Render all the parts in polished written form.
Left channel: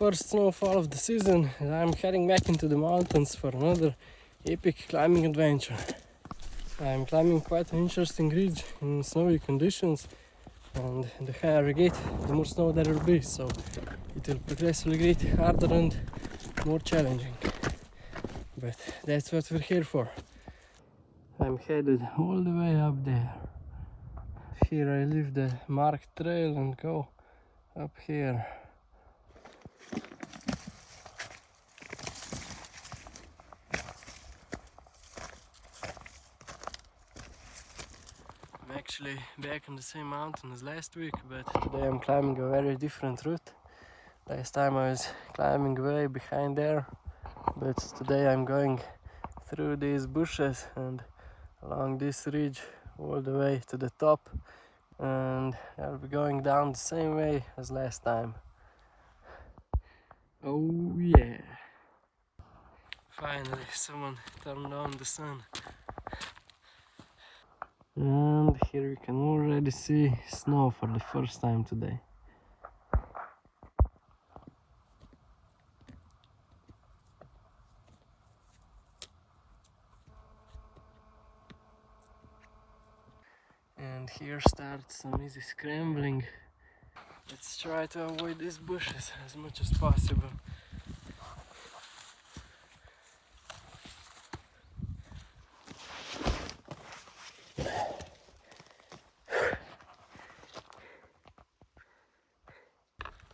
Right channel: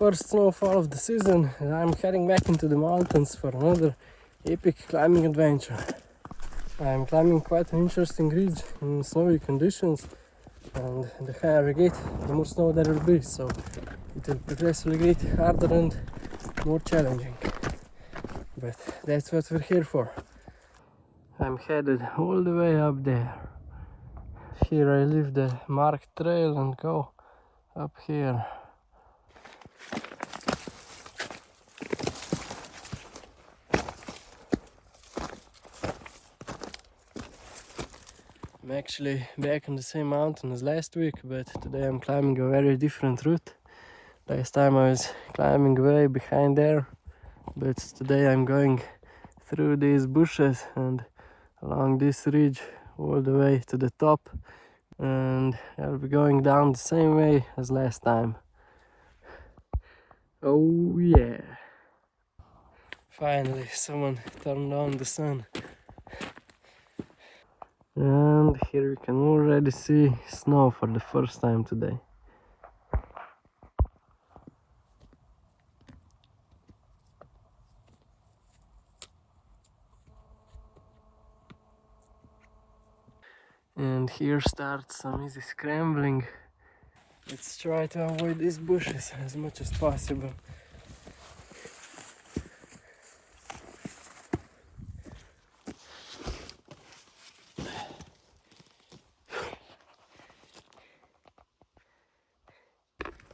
first snowfall of the season, and I'm heading back into the mountains for another epic climbing adventure. I'm climbing quite an interesting ridge in snowy conditions, and the higher I get, the more snow there will be, so it will progressively get harder and more challenging. But that's what we're here for. I'm headed all the way up there. Here I leave the marked trail and go up here. I'm actually back on the same mountain as last week, but today I'm climbing a very different route. Last time I was climbing way behind there, but today I'm going through these bushes and along this ridge all the way to the top, and I'll be going down the same way as last time. Oh yeah! Finally someone turned on the sun. And here we can already see snow for the first time today. And here starts some easy scrambling. Let's try to avoid these bushes as much as possible.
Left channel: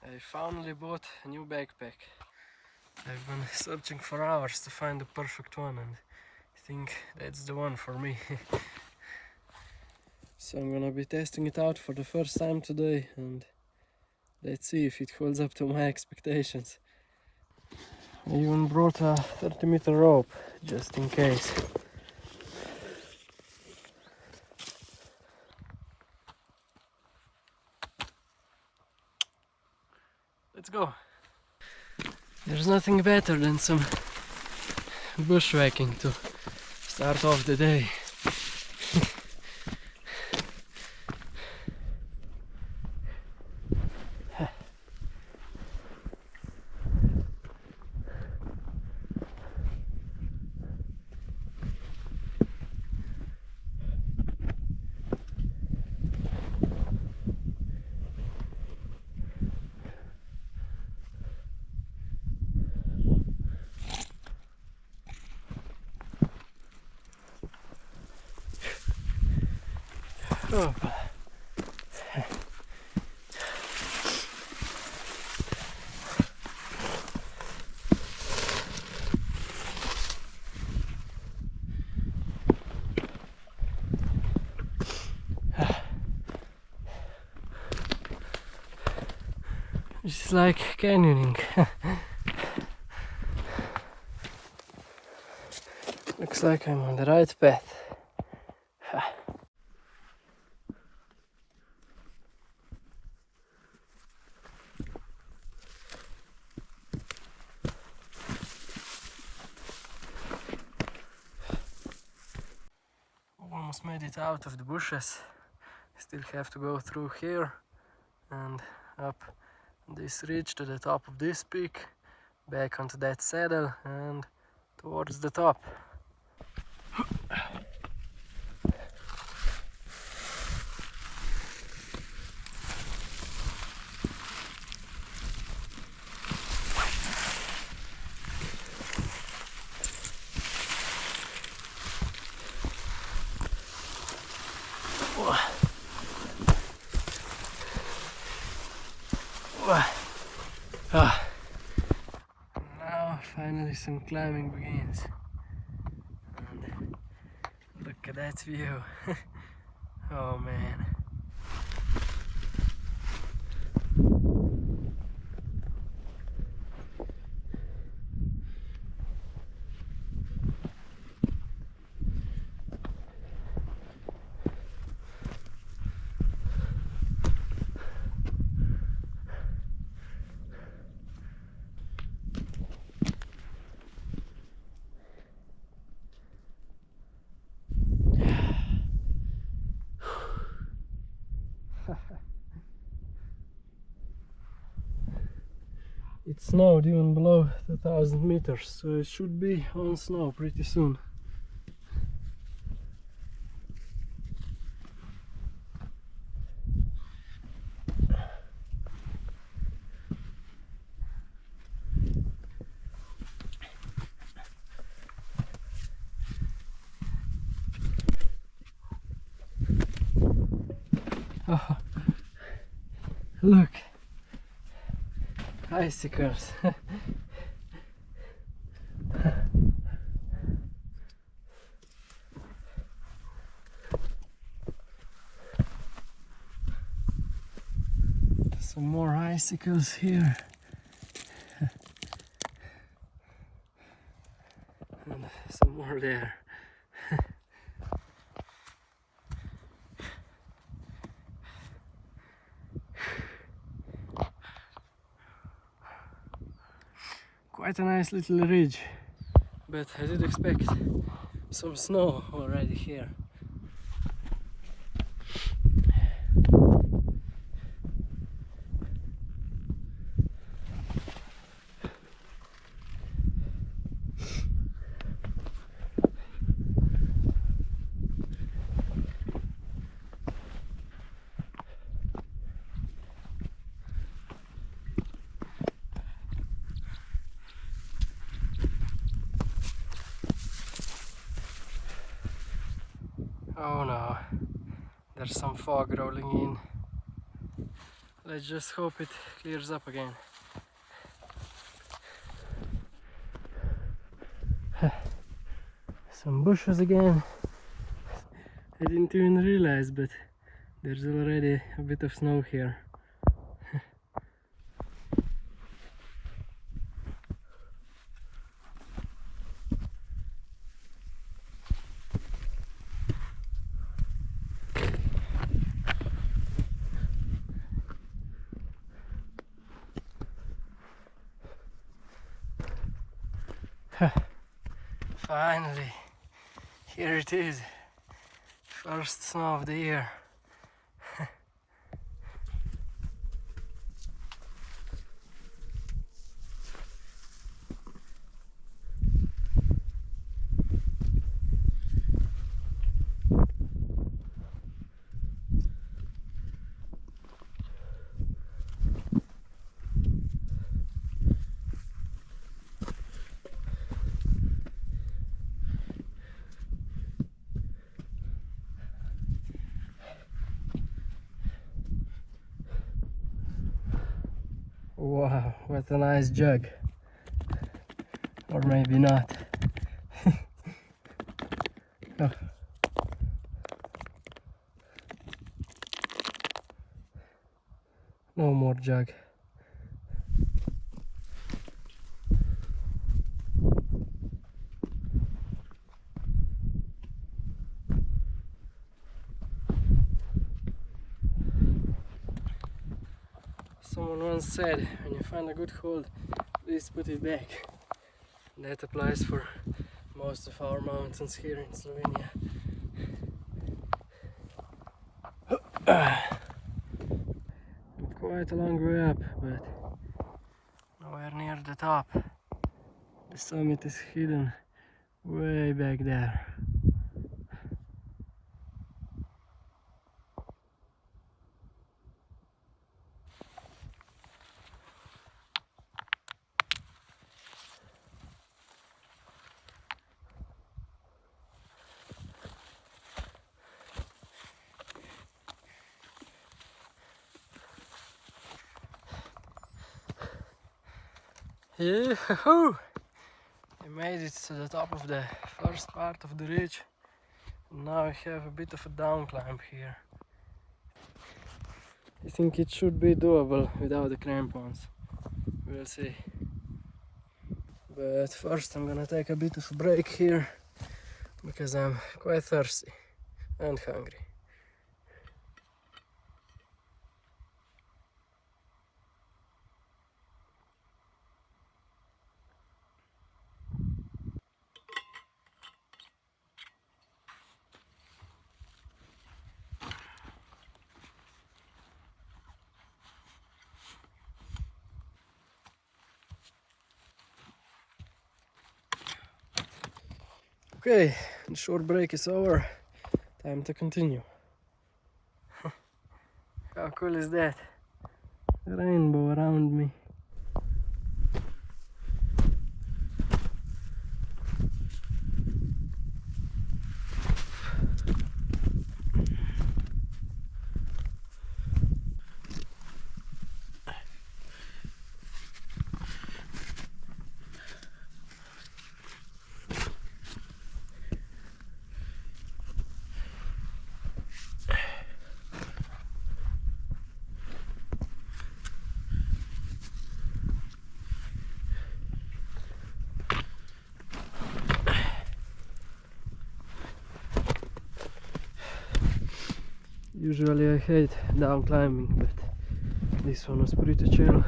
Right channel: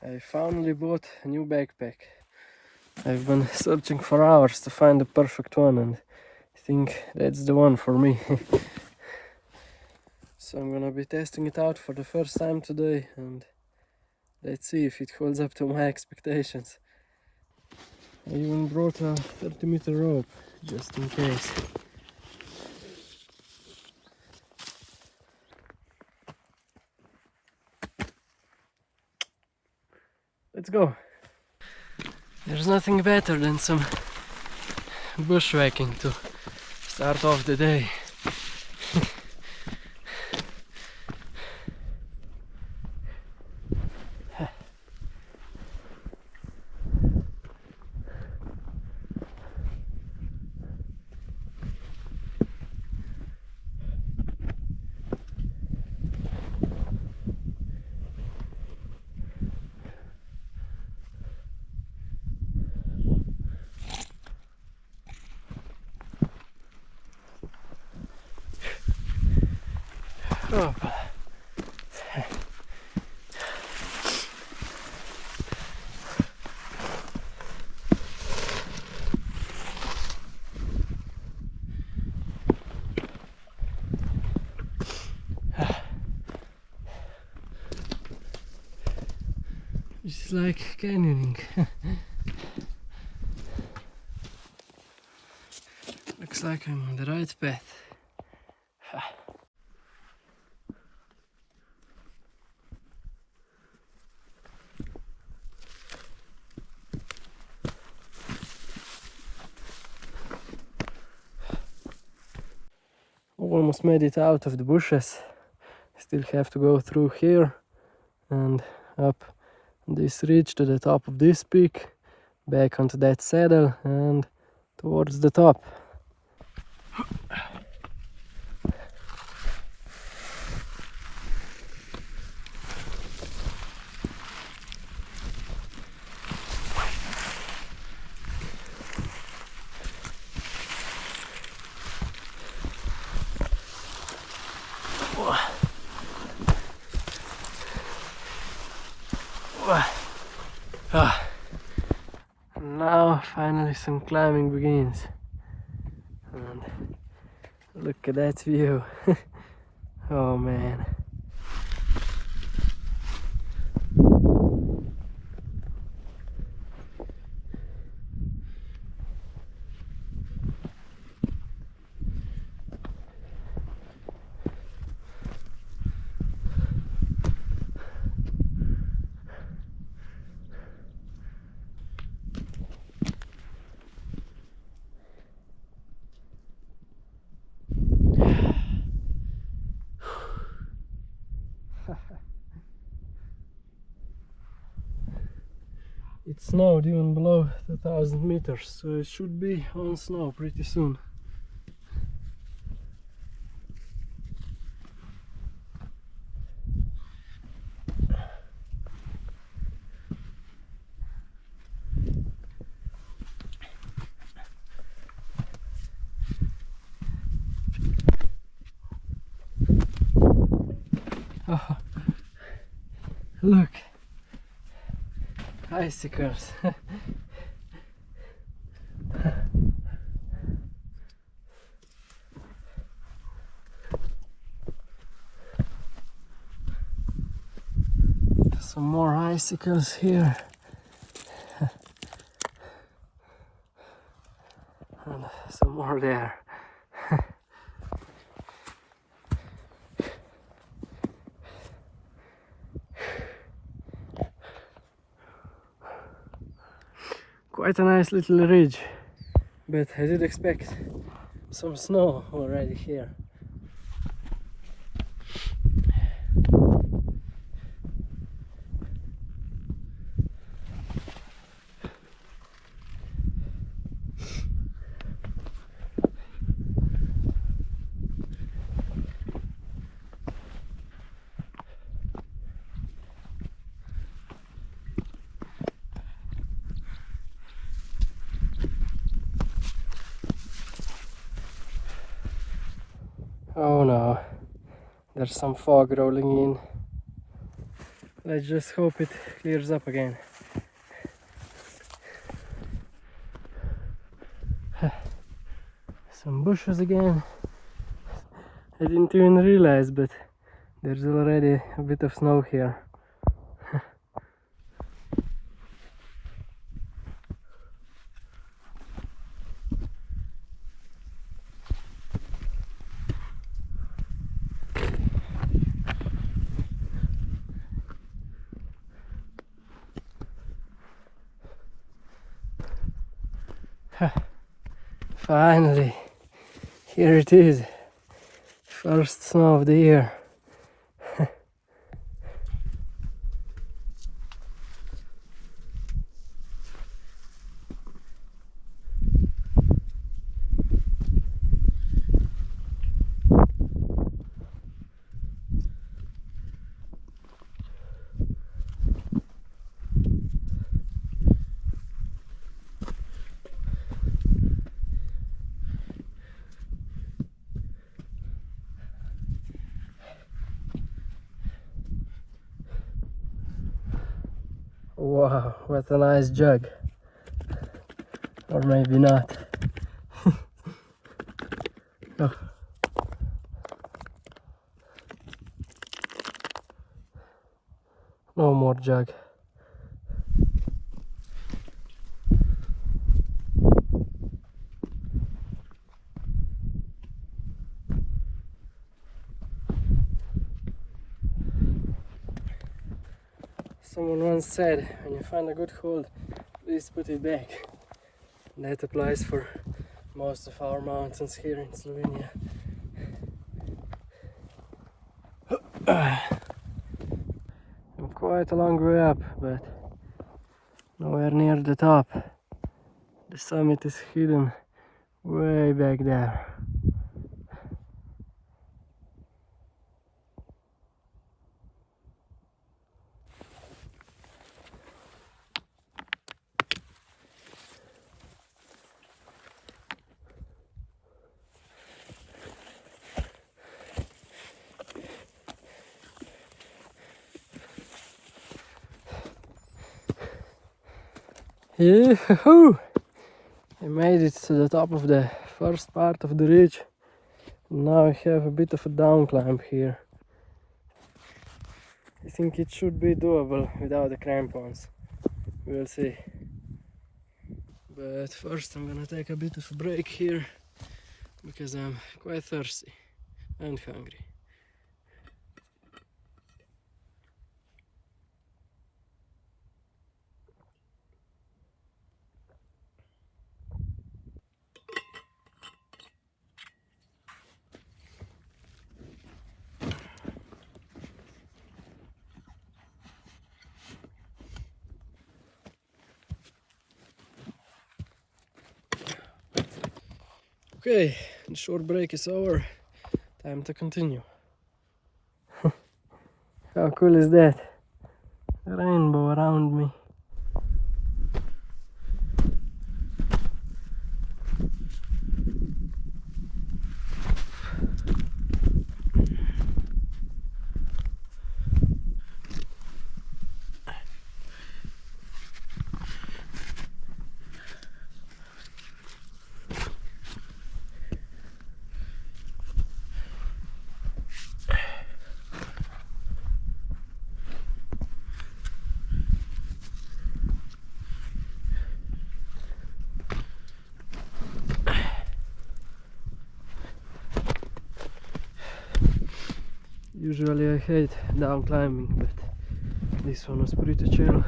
I finally bought a new backpack. I've been searching for hours to find the perfect one, and I think that's the one for me. So I'm gonna be testing it out for the first time today, and let's see if it holds up to my expectations. I even brought a 30-meter rope, just in case. Let's go! There's nothing better than some bushwhacking to start off the day. Oh. It's like canyoning. Looks like I'm on the right path. Almost made it out of the bushes. Still have to go through here and up this ridge to the top of this peak, back onto that saddle and towards the top. Now finally some climbing begins, and look at that view. Oh man. it snowed even below 2000 meters, so it should be on snow pretty soon. Oh, look, icicles. Some more icicles here. And some more there. Quite a nice little ridge, but I did expect some snow already here. Oh no, there's some fog rolling in. Let's just hope it clears up again. Some bushes again. I didn't even realize, but there's already a bit of snow here. Finally, here it is. First snow of the year. Wow, what a nice jug. Or maybe not. Oh. No more jug. Someone once said, when you find a good hold, please put it back. And that applies for most of our mountains here in Slovenia. I'm quite a long way up, but nowhere near the top. The summit is hidden way back there. Yahoo! I made it to the top of the first part of the ridge. Now I have a bit of a down climb here. I think it should be doable without the crampons. We'll see. But first I'm gonna take a bit of a break here because I'm quite thirsty and hungry. Okay, the short break is over. Time to continue. How cool is that? A rainbow around me. Usually I hate down climbing, but this one was pretty chill.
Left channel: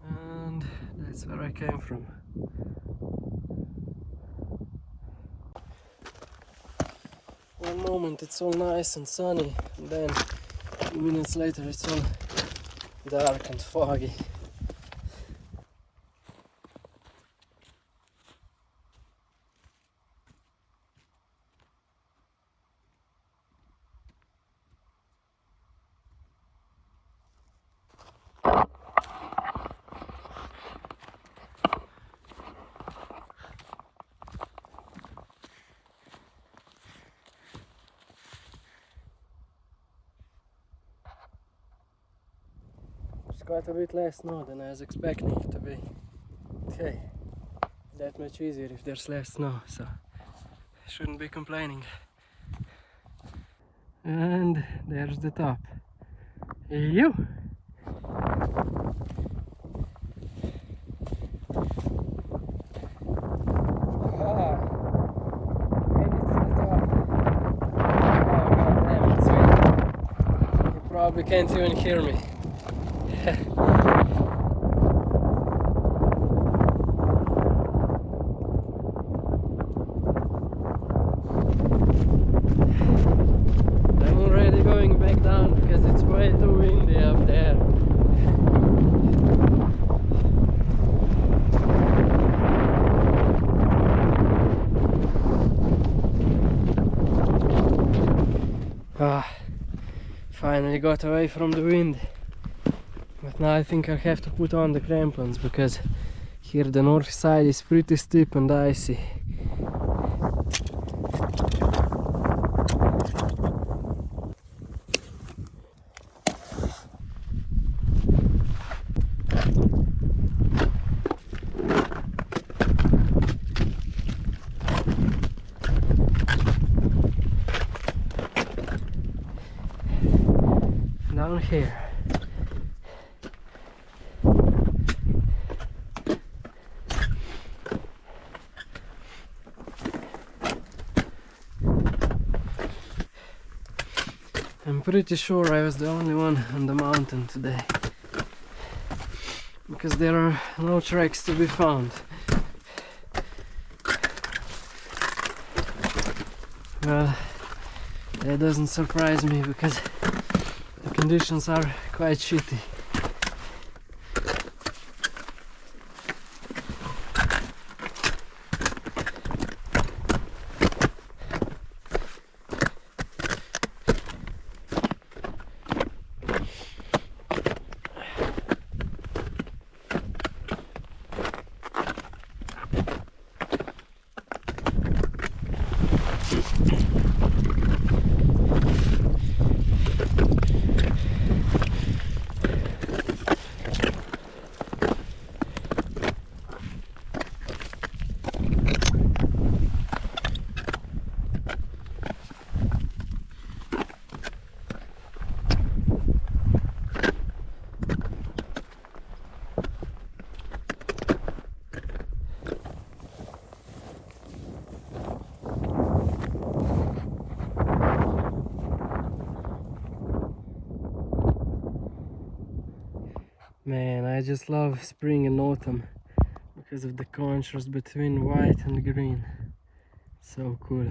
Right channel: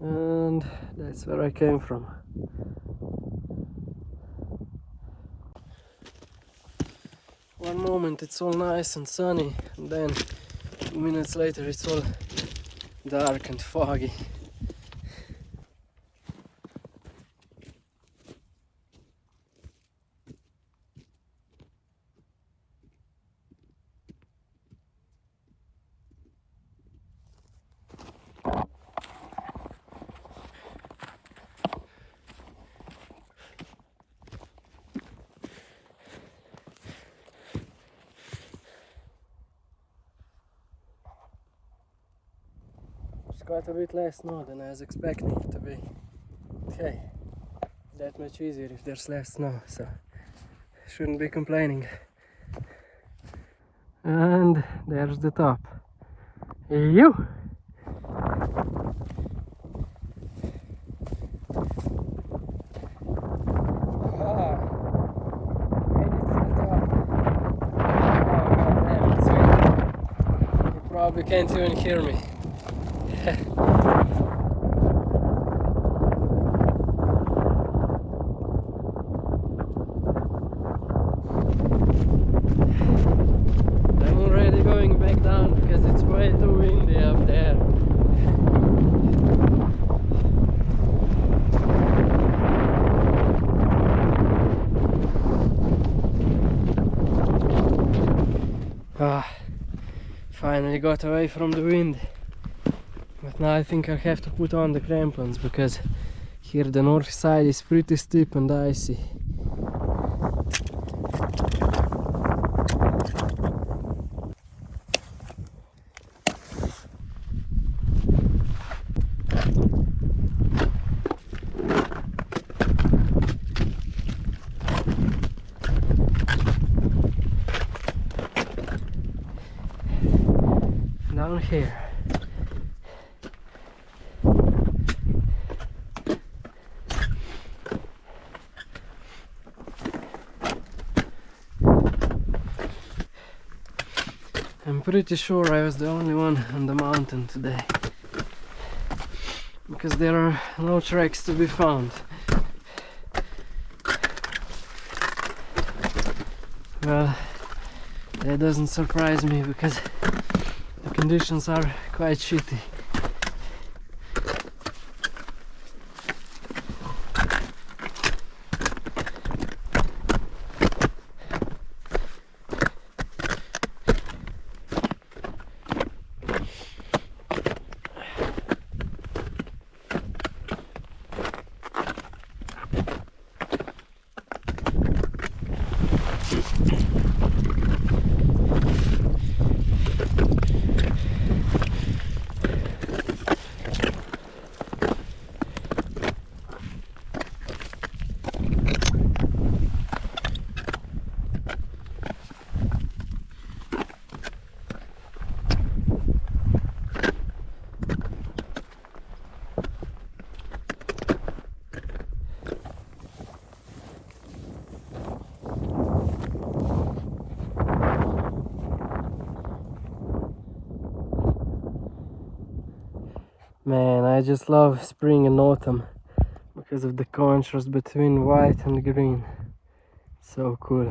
And that's where I came from. One moment it's all nice and sunny, and then 2 minutes later it's all dark and foggy. Quite a bit less snow than I was expecting it to be. Okay, that much easier if there's less snow, so shouldn't be complaining. And there's the top. You! You probably can't even hear me. I'm already going back down because it's way too windy up there. Finally got away from the wind. But now I think I have to put on the crampons because here the north side is pretty steep and icy. Down here. I'm pretty sure I was the only one on the mountain today, because there are no tracks to be found. Well, that doesn't surprise me because the conditions are quite shitty. Man, I just love spring and autumn because of the contrast between white and green. So cool.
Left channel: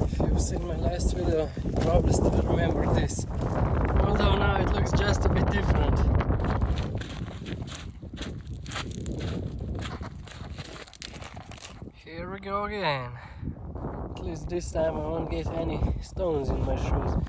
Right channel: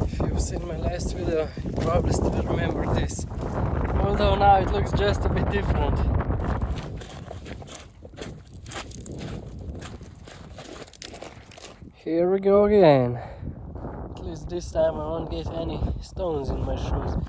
A few seen my last video, you probably still remember this. Although now it looks just a bit different. Here we go again. At least this time I won't get any stones in my shoes.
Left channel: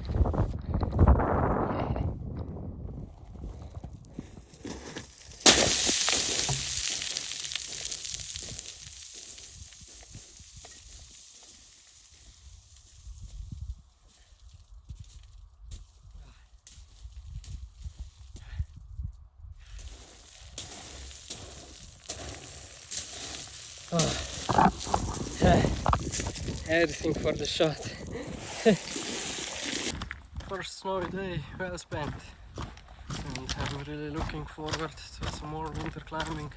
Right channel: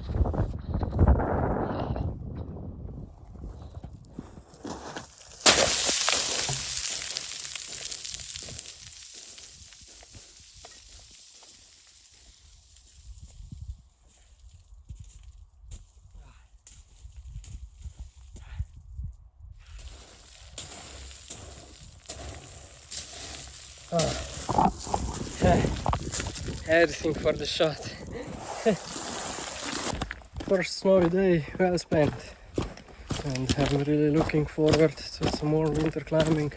Everything for the shot. First snowy day well spent, and I'm really looking forward to some more winter climbing.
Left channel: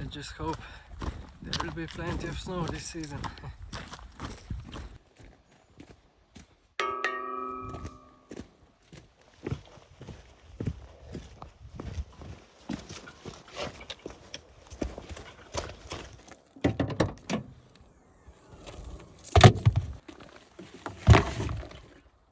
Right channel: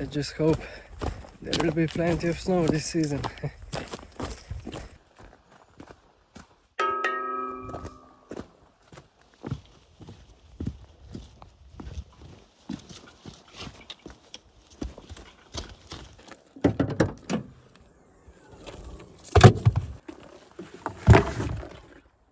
I just hope there will be plenty of snow this season.